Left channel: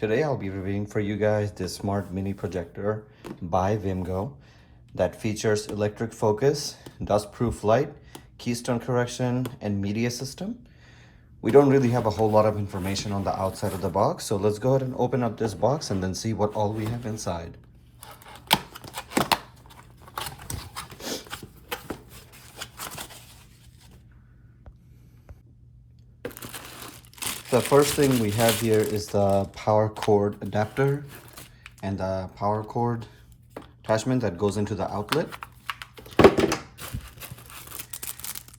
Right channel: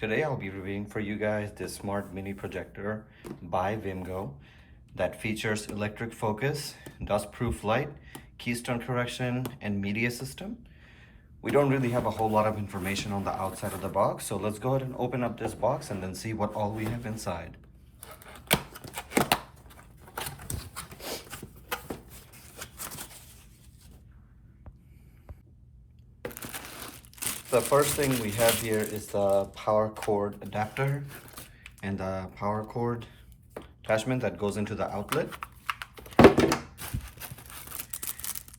Today I'll be reviewing for you guys this smart mini projector by Vimgo that features electric focus, dust-proof light, keystone correction, and media system. We don't really have a whole lot of information on the outside of the box, so let's go ahead and open up this box and then see what all we have inside. The first thing we have here is the power cord adapter and the power cord attachment that goes into the outlet.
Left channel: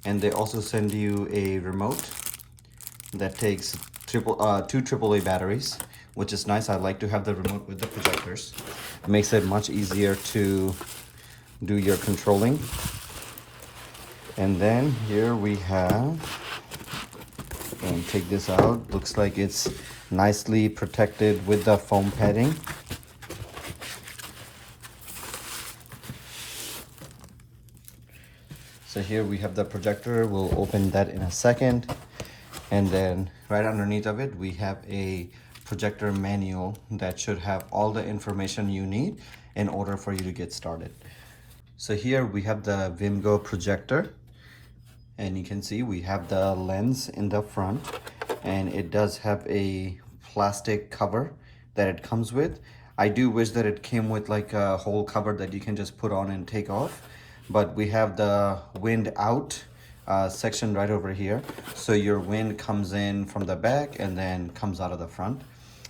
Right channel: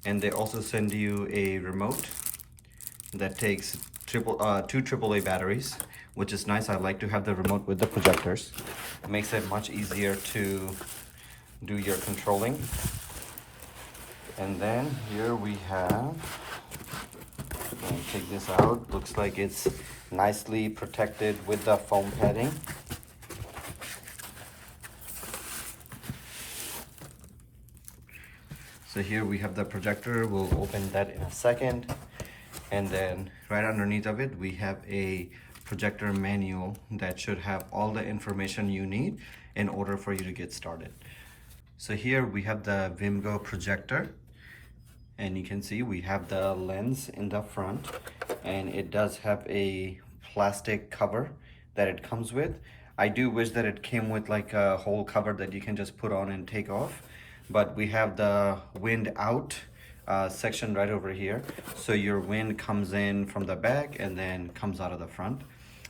And they also send you a remote that takes two AAA batteries, which is nice. I like to have the remote with the projectors. It makes it much easier to do your controlling. And then here we have, and take this out, looks like it's nicely protected with the foam padding. So here we have the projector. We'll open that in a second. And then right underneath of it, we have a projector manual that should have all the information you need in order for you to get started. So here we have the Vimgo projector. And you can see we have the lens in the front, and it does have a plastic cover that it comes with. I do wish that it came with like a whole cover that you can just put on and take off, but we have the wind out section right over here, so your wind comes in from the back and then comes out of the front.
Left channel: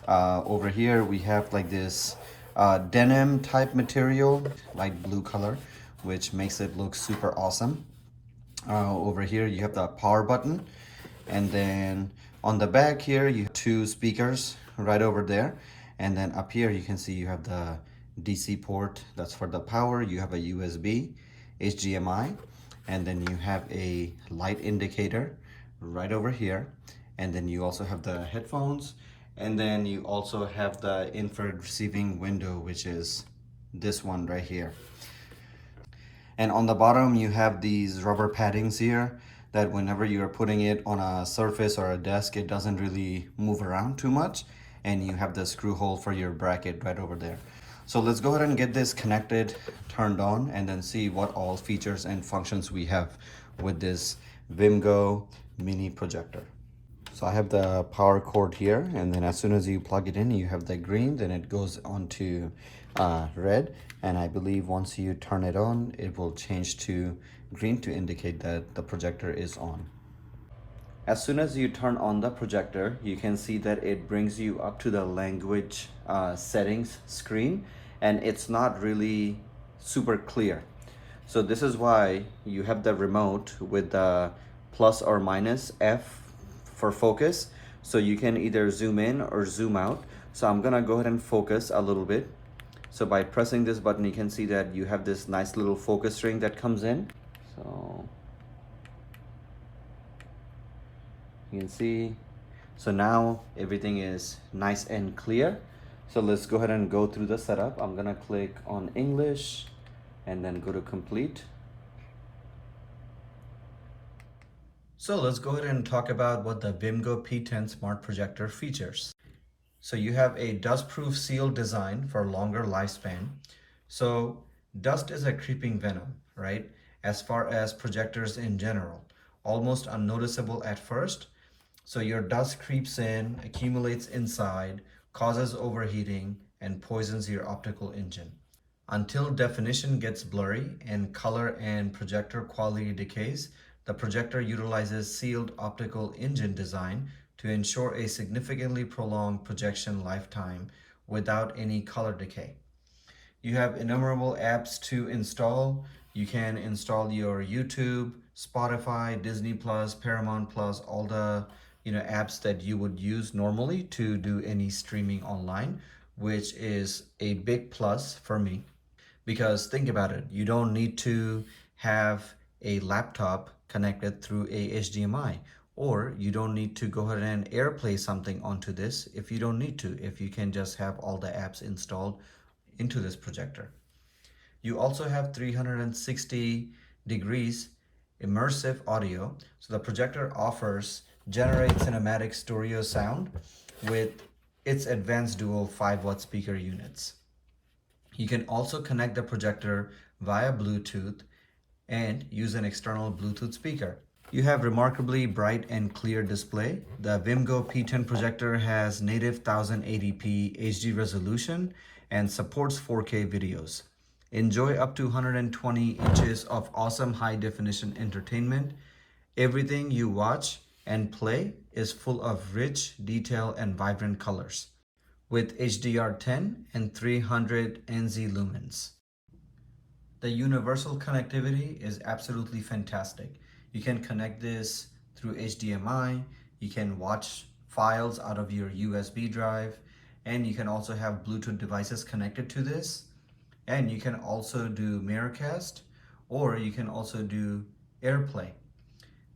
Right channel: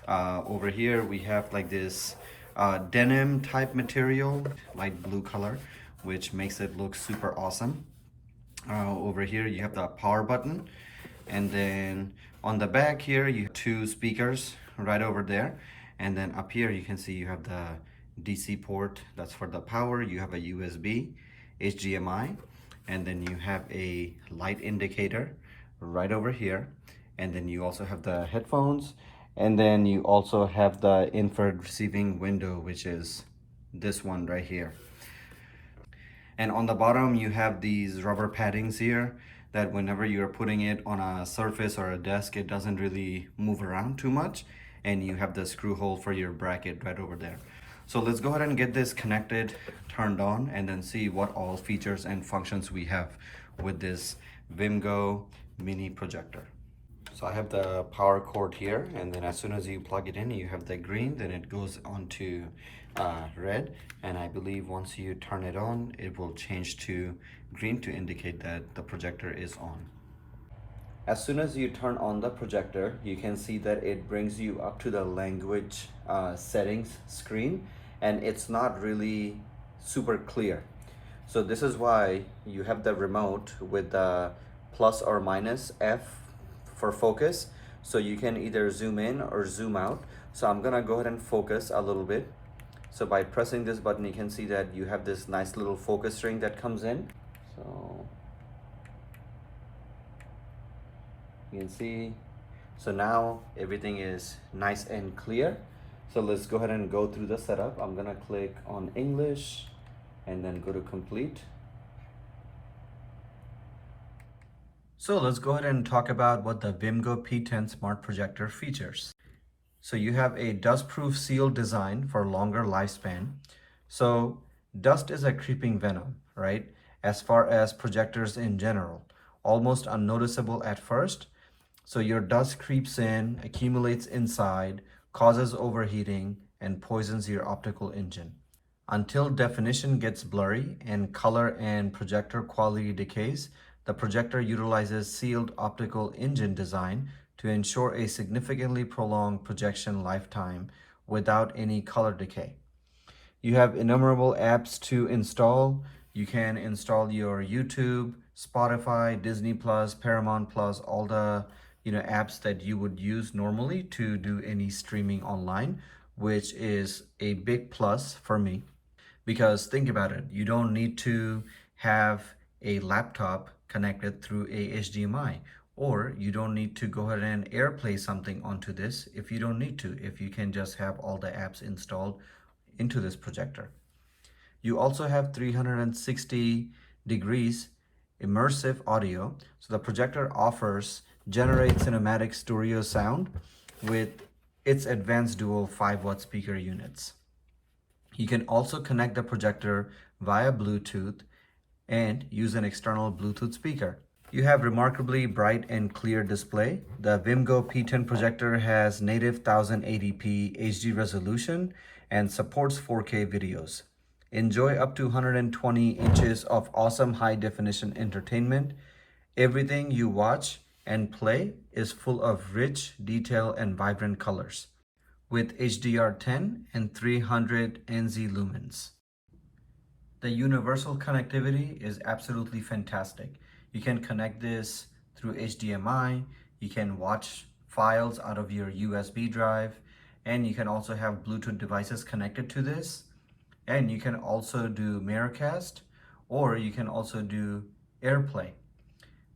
Over here we have like this denim type material, light blue color, which makes it look super awesome. Over here you have the power button, and then on the back here you have two speakers right over there, and then up here you can see you have the DC port, that's for the power. You have a USB, HDMI, and then you have a light indicator right over here, and then you also have the headphones, and then you also have the infrared receiving window, which is this one right here. And on the bottom you have these rubber paddings here that whenever you're putting it on a surface or a desk, it doesn't really move around too much. And you have the screw hole for your bracket right over there. So let's go ahead and get this connected, turned on, and then see what all features and functions we have with this Vimgo mini projector. So I have the power cord here, and then as soon as you plug it in, you have the green, then it goes on to red, and I believe once you turn it on, it will change to green to indicate that the projector is on. As soon as you turn on the projector, you can see that it brings you up to the language settings screen, and it's not really super clear. So this is why you have the remote with the plus or minus F for focus, so you can either zoom in or zoom out. So I'm gonna go ahead and focus a little bit. So by pressing this button, you can see that you have this nice little focus ring that comes in. So you can see, so now everything is nice and clear. So let's go ahead and go through the setup. I'm gonna click on English and then go to complete. So let's go ahead and talk about what the Vimgo P10 smart projector features. So you have a dust-proof seal design for longer lifespan. So dust is a creeping venom, right? As far as projectors in general, almost unnoticeable at first. So your dust creeps in, accumulates inside, causes overheating, and poisons your optical engine. Until definition gets blurry and color and projector quality decays, the projector utilizes sealed optical engine design to ensure a significantly prolonged projection lifetime without any color decay. You have innumerable apps to install. You can install your YouTube, Spotify, Disney Plus, Paramount Plus, all the apps that you would use normally to do any streaming online, which is a big plus for me. Because think about it, you don't need to have a laptop connected through a HDMI, or you don't need to go ahead and AirPlay something onto this if you don't need to, if you can just have all the apps installed into this projector. You also have 360 degrees immersive audio. So the projector generates cinematic stereo sound with its advanced dual 5-watt speaker units. You can also connect the projector via Bluetooth and use an external Bluetooth speaker. You have remarkably bright and clear display. The Vimgo P10 projector has native 1080p HD resolution and supports 4K videos. Enjoy up to 120 inches of awesome high definition entertainment. Everything you watch and play is full of rich detail and vibrant colors with HDR10 and 300 NZ lumens. The universal connectivity is absolutely fantastic. You can connect this through HDMI, you can watch files out of your USB drive, and you can also have Bluetooth devices connected to this. And you can also do Miracast, or you can also do AirPlay.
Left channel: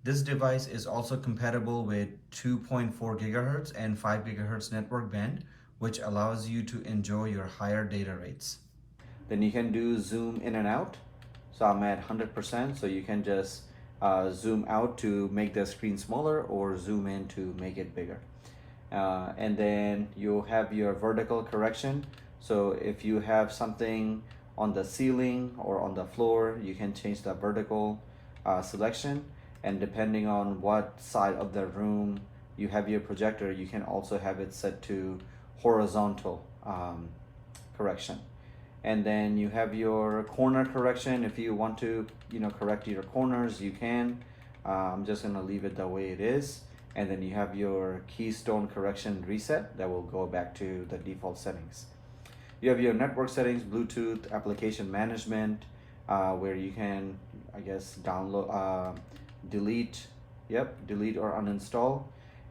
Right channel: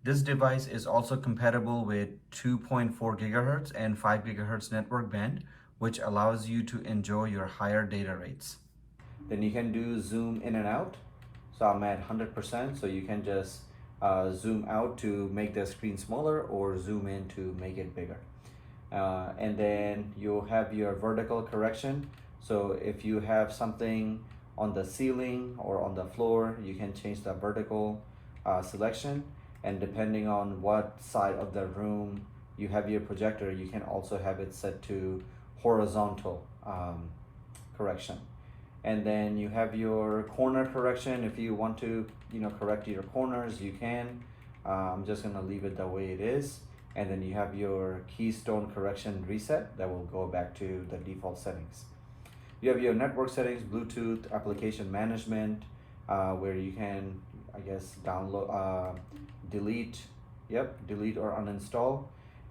This device is also compatible with 2.4 gigahertz and 5 gigahertz network band, which allows you to enjoy your higher data rates. Then you can do zoom in and out. So I'm at 100%, so you can just zoom out to make the screen smaller or zoom in to make it bigger. And then you have your vertical correction. So if you have something on the ceiling or on the floor, you can change the vertical selection. And depending on what side of the room you have your projector, you can also have it set to horizontal correction. And then you have your corner correction. If you want to, correct your corners, you can. I'm just gonna leave it the way it is. And then you have your keystone correction reset that will go back to the default settings. You have your network settings, Bluetooth, application management, where you can, download, delete or uninstall.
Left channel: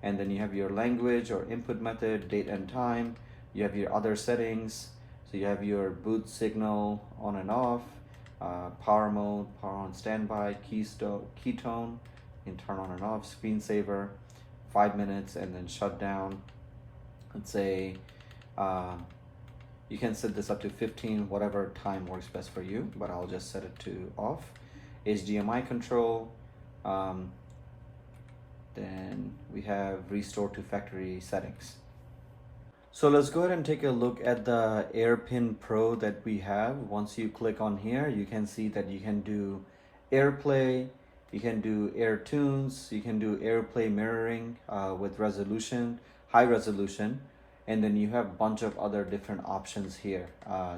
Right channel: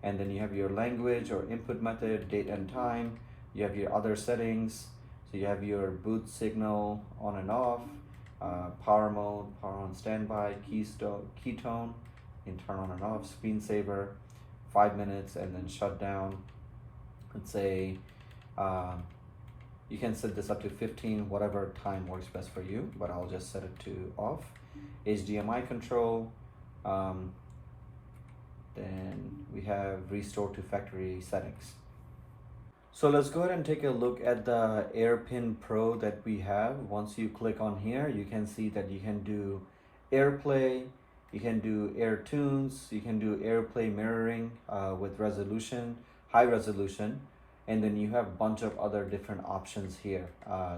And then you have your language or input method, date and time. You have your other settings. So you have your boot signal on and off, power mode, power on standby, ketone, you can turn on and off, screensaver, 5 minutes, and then shut down. Let's say you can set this up to 15, whatever time works best for you, but I'll just set it to off. HDMI control, then we have restore to factory settings. So let's go ahead and take a look at the AirPin Pro that we have. Once you click on here, you can see that you can do AirPlay, you can do AirTunes, you can do AirPlay mirroring with resolution, high resolution, and then you have a bunch of other different options here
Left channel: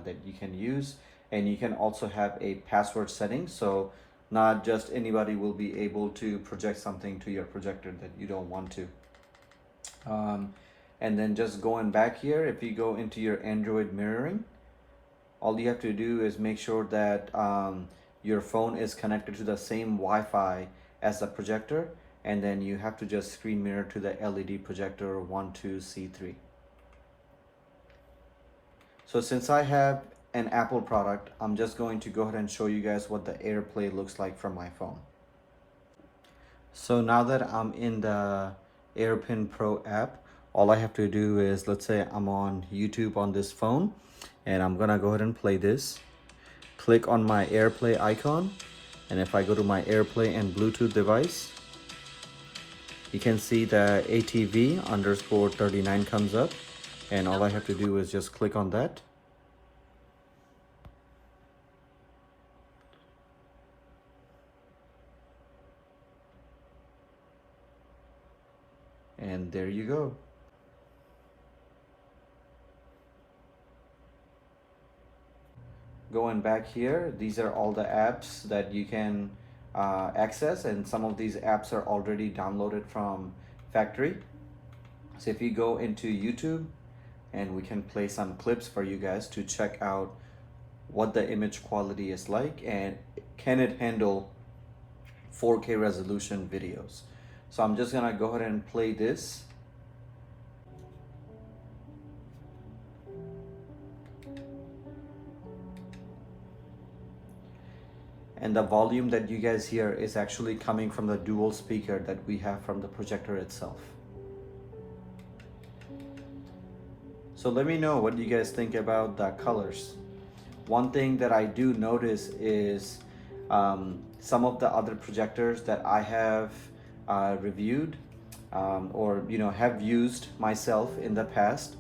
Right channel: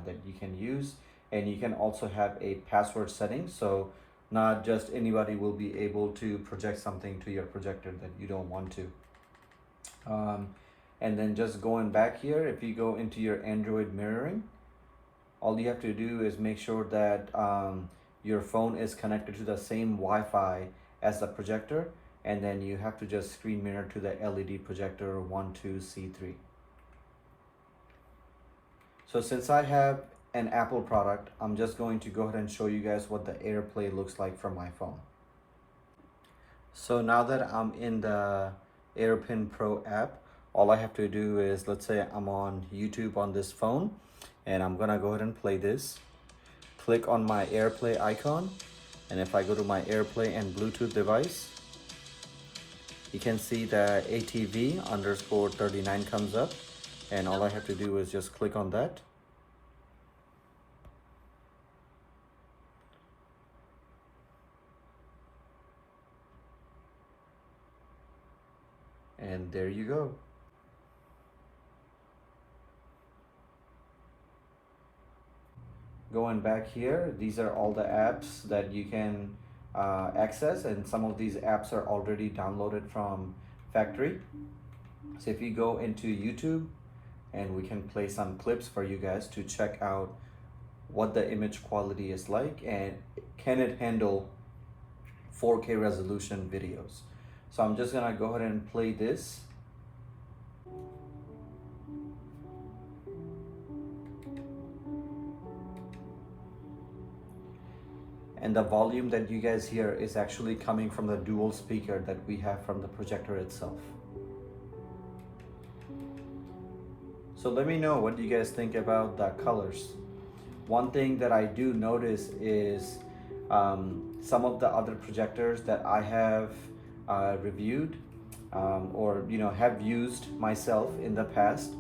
that you can use. And you can also have a password setting, so not just anybody will be able to project something to your projector that you don't want to. And then just going back here, if you go into your Android mirroring, all you have to do is make sure that your phone is connected to the same Wi-Fi as the projector, and then you have to just screen mirror to the LED projector 12C3. So since I have an Apple product, I'm just going to go ahead and show you guys what the AirPlay looks like from my phone. So now that I'm in the AirPin Pro app, all I have to do is, let's say I'm on YouTube on this phone, and I'm gonna go ahead and play this. Click on my AirPlay icon, and if I go to my AirPlay and Bluetooth device, you can see the ATV_39 comes up, and all I have to do is just click on that. And there you go. Going back here, these are all the apps that you can access, and some of these apps are already downloaded from factory. So if you go into YouTube, and we can play some clips for you guys to check out what the image quality is like and can it handle 4K resolution videos. So I'm just gonna go ahead and play this. And the volume that you guys hear is actually coming from the dual speaker that we have from the projector itself. So let me know what you guys think about the colors. One thing that I do notice is some of the other projectors that I have reviewed, or have used myself in the past,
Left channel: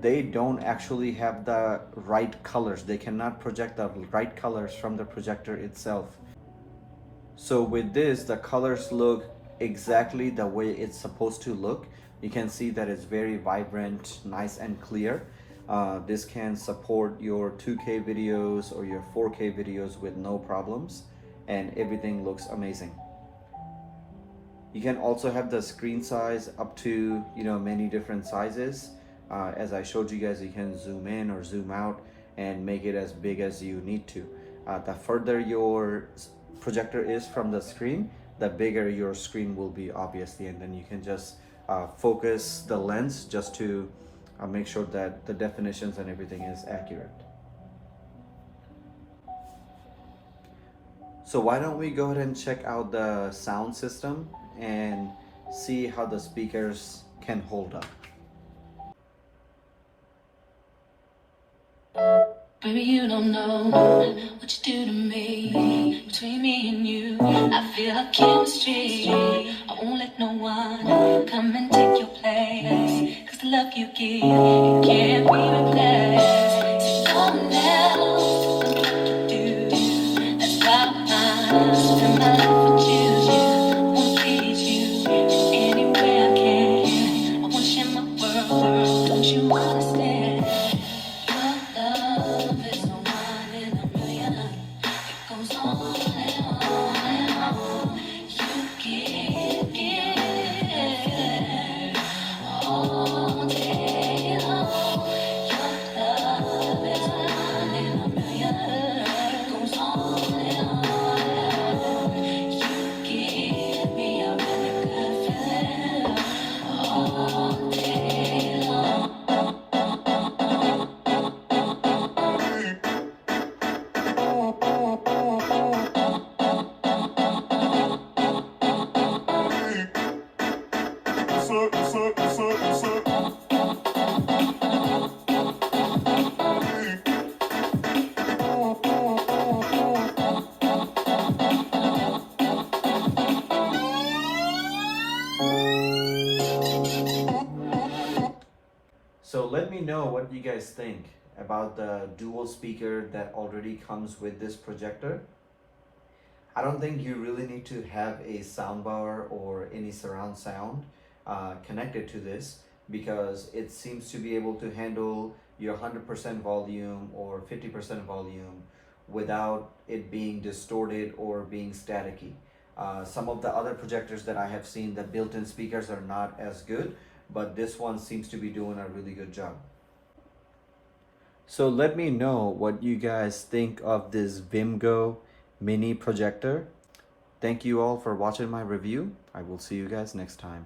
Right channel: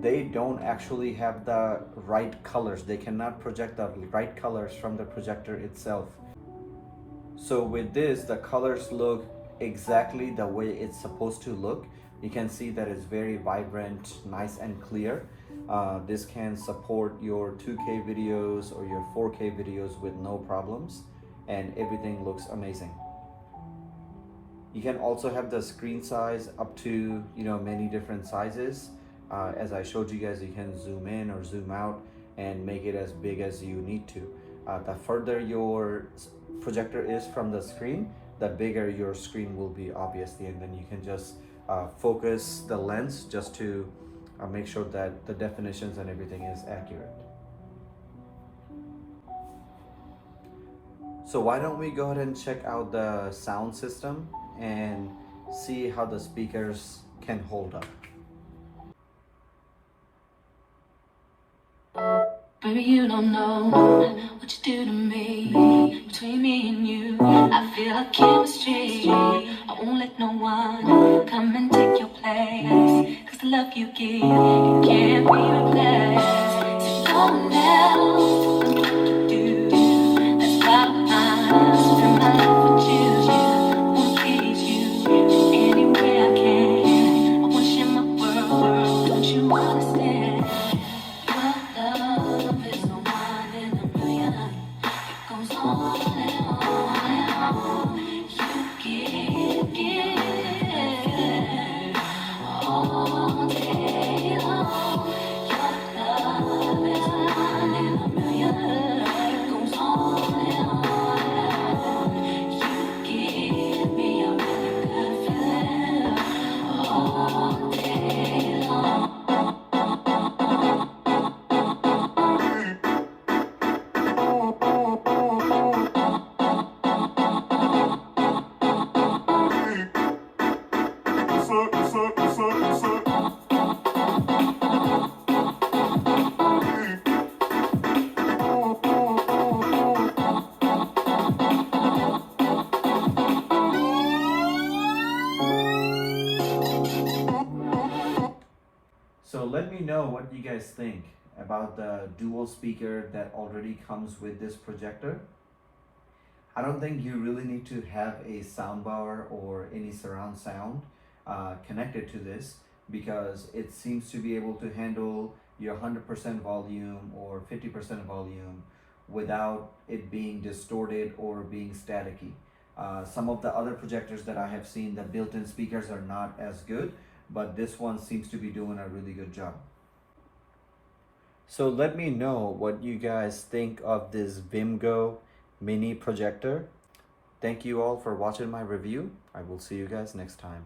they don't actually have the right colors. They cannot project the right colors from the projector itself. So with this, the colors look exactly the way it's supposed to look. You can see that it's very vibrant, nice and clear. This can support your 2K videos or your 4K videos with no problems, and everything looks amazing. You can also have the screen size up to many different sizes. As I showed you guys, you can zoom in or zoom out and make it as big as you need to. The further your projector is from the screen, the bigger your screen will be, obviously, and then you can just focus the lens just to make sure that the definitions and everything is accurate. So why don't we go ahead and check out the sound system and see how the speakers can hold up. Baby, you don't know what you do to me. Between me and you, I feel like chemistry. I won't let no one come and take your place. Cause the love you give, it can't be replaced. There's no one else to know what to do. That's why I spend my life with you. I wanna please you in any way I can. I wanna share my world, don't you understand? Love is a one in a million. It goes on and on and on. You give all day long. Your love is a one in a million. It goes on and on and on. You give me a really good feeling all day long. So let me know what you guys think about the dual speaker that already comes with this projector. I don't think you really need to have a soundbar or any surround sound connected to this, because it seems to be able to handle your 100% volume or 50% volume without it being distorted or being staticky. Some of the other projectors that I have seen, the built-in speakers are not as good, but this one seems to be doing a really good job. So let me know what you guys think of this Vimgo mini projector. Thank you all for watching my review. I will see you guys next time.